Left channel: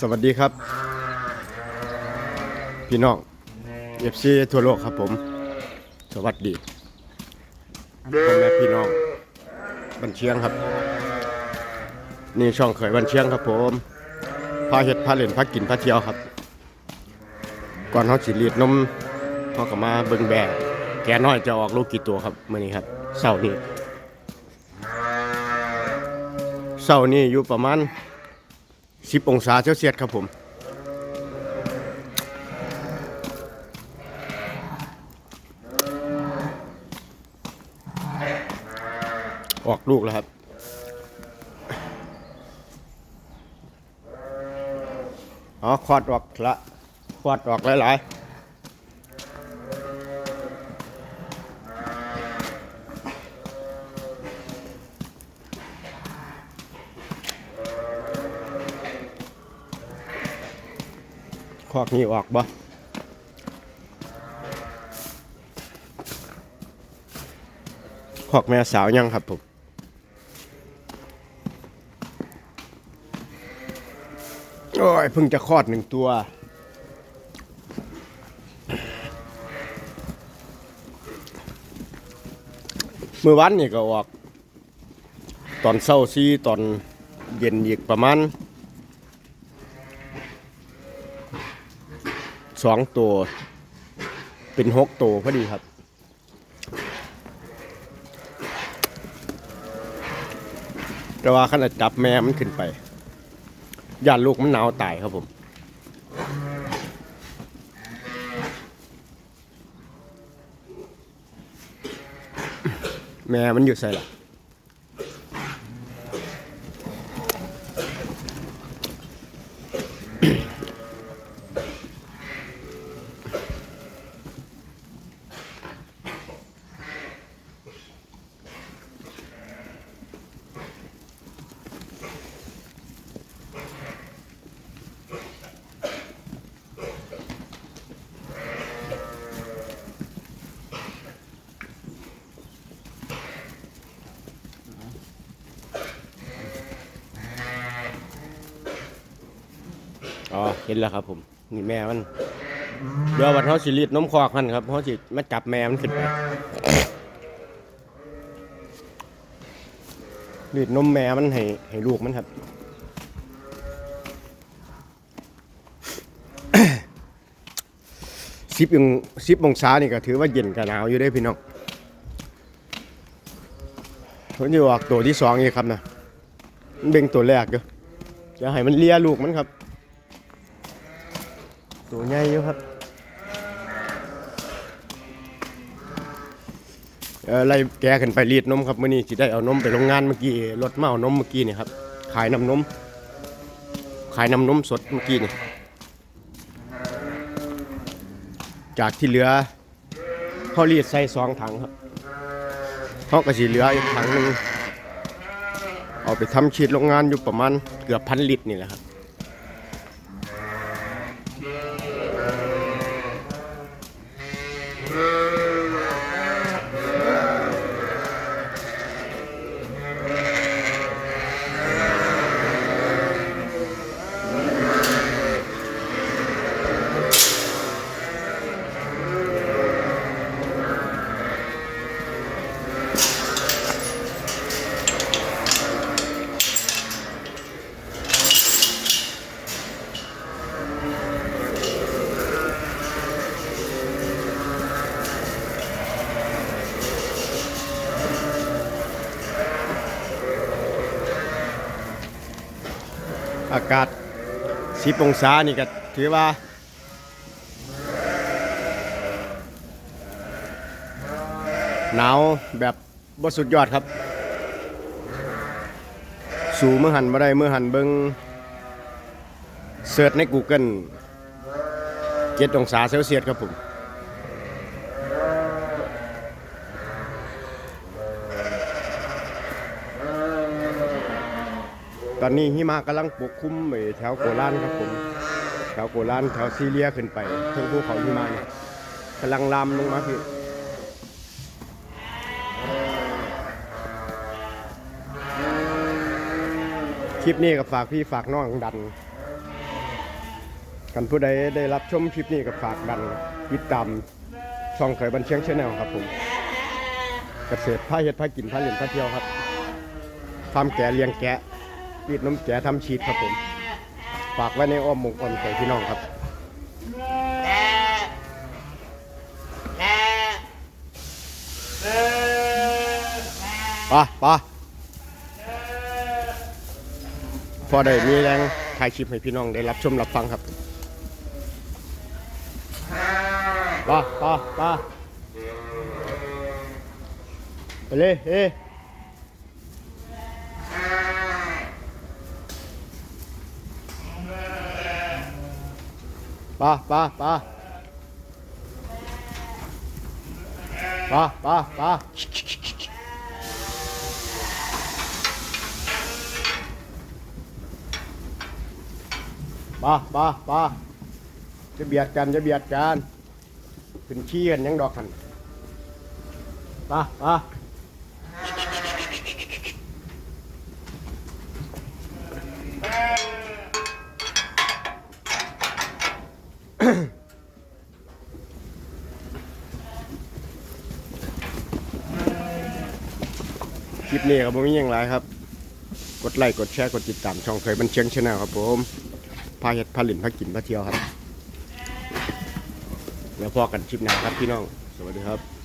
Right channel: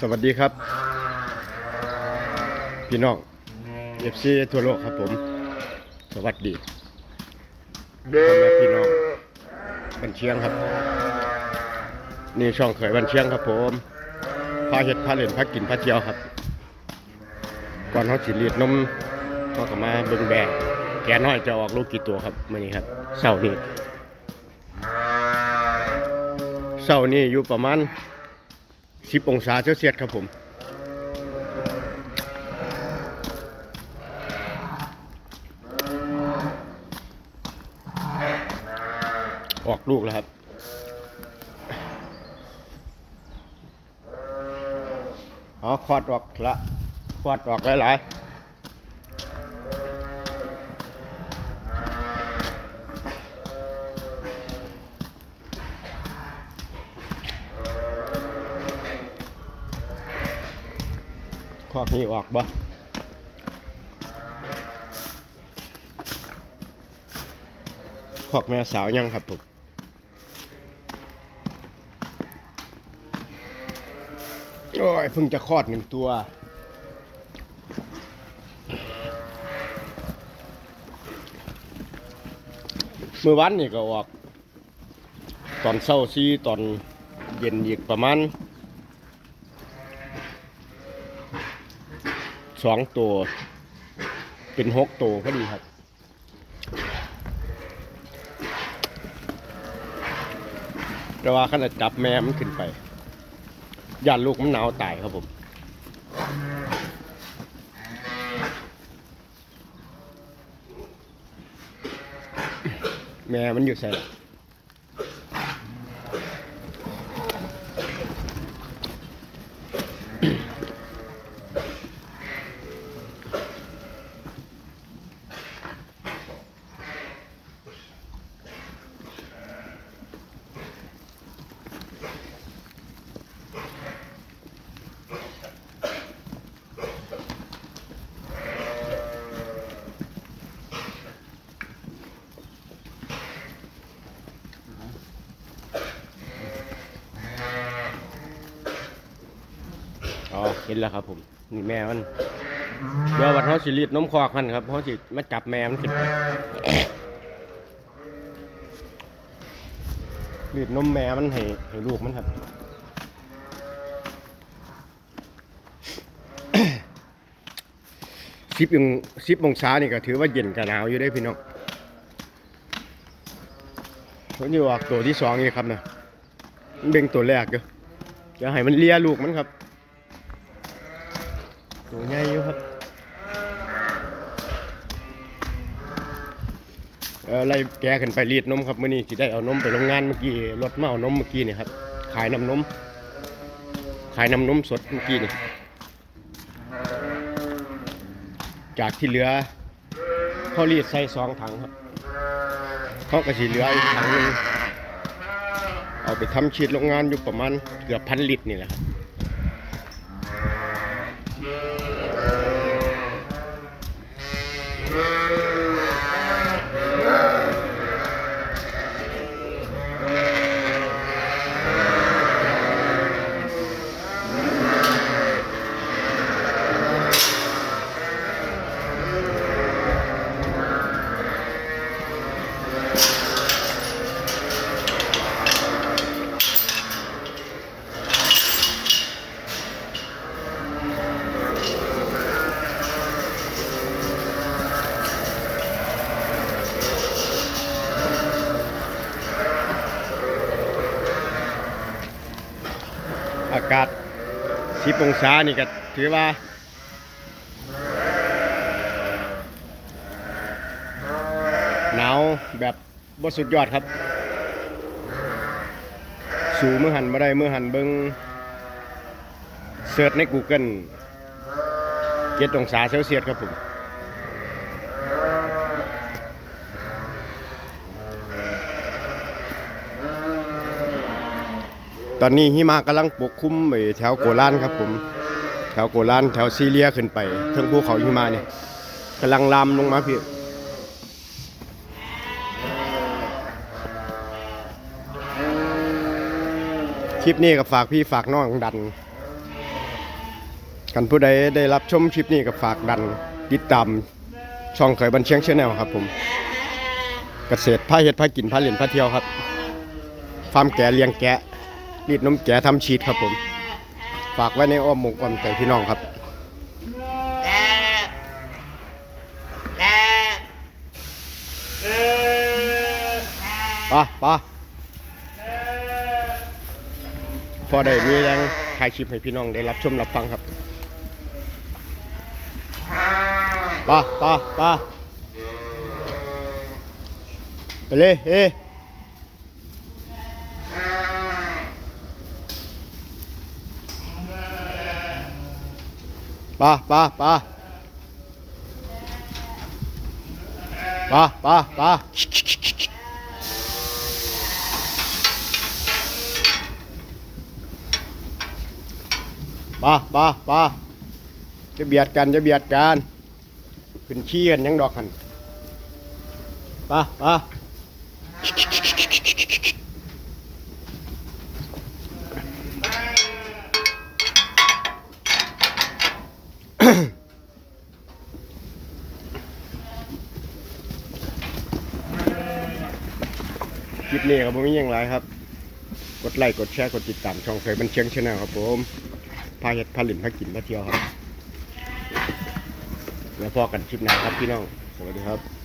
สวัสดีครับ พี่น้องเอฟซีทั่วโลกครับผม สวัสดีพ่อแม่พี่น้องบันเชียงครับ นี่ช่องเขยบันเชียงครับผมพาเห็ดพาเล่นพากินพาเที่ยวครับ ก่อนเขาสิรีดนมเขาก็มาเบิ่งแบกแกน้อยจะออกลูกกี่ตัวครับมื่อนี้ครับเสาร์นี้เสาร์นี้อยู่ประมาณ 10 องศาเซลเซียสครับผมออกลูกแล้วครับ อ๋อควอดออกละควอดออกหลายๆ คลอดนี้ออกบ่คลอกแม่สาวยังครับผมโอ้ยเพิ่งจะคลอดหนึ่งตัว เมื่อวันนี่ก็ออก ตอนเช้าซีตอนเย็นอีกประมาณ สองตัว เป็นหกตัวพอดีครับแต่ว่าขนาดจับแม่มันขึ้นไปย่านลูกมันหนาวตายครับผม แม่มันอยู่ใส่ละอ๋ อเห็นแล้วครับผมนี่แม่มันเดี๋ยววันเขาสิรีดนมคอกมันครับเขาสิมาจับแม่มันขึ้นไปรีดนมแม่มันให้ให้ลูกมันครับสิบองสิบองศานี่ก็ถือว่าเย็นกับหนาวอยู่ได้พี่น้องผมอยู่ออกตัวที่สองนี่ครับนะเบ่งตัวแรกเด้อเดี๋ยวให้มันเลียลูกมันครับ ตัวใหญ่อยู่ครับออไล่แกขึ้นไปรีดนมครับมื่อนี้ที่ได้เอานมไปโรงงานเมื่อกี้รถมาเอานมเมื่อกี้นี่ครับขายน้ำนมขายน้ำนมสดเมื่อกี้นี่จากที่เหลือเขารีดใส่สองถังครับเขาก็สีเหลืออีกถังหนึงเอาไปทำฉีดโรงงานอยู่ประมาณเกือบพันลิตรนี่แหละครับ อากาศสิบองศานี่ก็ถือว่า หนาวแบบบ่สุดยอดครับ สูเมื่อหันมาได้เมื่อหันเบิงเสิร์ชใน Google เจ็ดองศาเซลเซียสครับผม ตอนนี้หิมะกำลังปกคลุมไปแถวโกลานครับผมแถวโกลานแถวซีเรียขึ้นไปเทิงภูเขาหิมะเนี่ยกำลังลามลงมาพี่คลิปนี้ก็ฝากพี่ฝากน้องดัน กันผู้ใดได้รับชมคลิปนี้ก็ฝากดันติดตามช่องเคยบันเชียงชาแนลครับผม เกษตรพาเฮ็ดพากินพาเล่นพาเที่ยวครับฟามแกะเลี้ยงแกะ รีดนมแกะทำชีสครับผม ฝากไว้ในอ้อมมกอ้อมใจพี่น้องครับปะปะพอได้มีแรงถ่ายคลิปให้พี่น้องได้รับชมรับฟังครับปะปะปะไปเลยเฮ้ ปะปะปะปะปะปะป้าป้าป้าจะเบียดกันจะเบียดกันขึ้นขี้กันยังดอกกันป้าป้า คลิปนี้ครับผมมีอย่างไรครับ กดไลค์กดแชร์กดติดตามช่องเคยบันเชียงชาแนลครับผมพาเห็ดพาหลินพากินพาเที่ยวครับ แล้วพอกันคลิปหน้าครับพี่น้อง สวัสดีครับ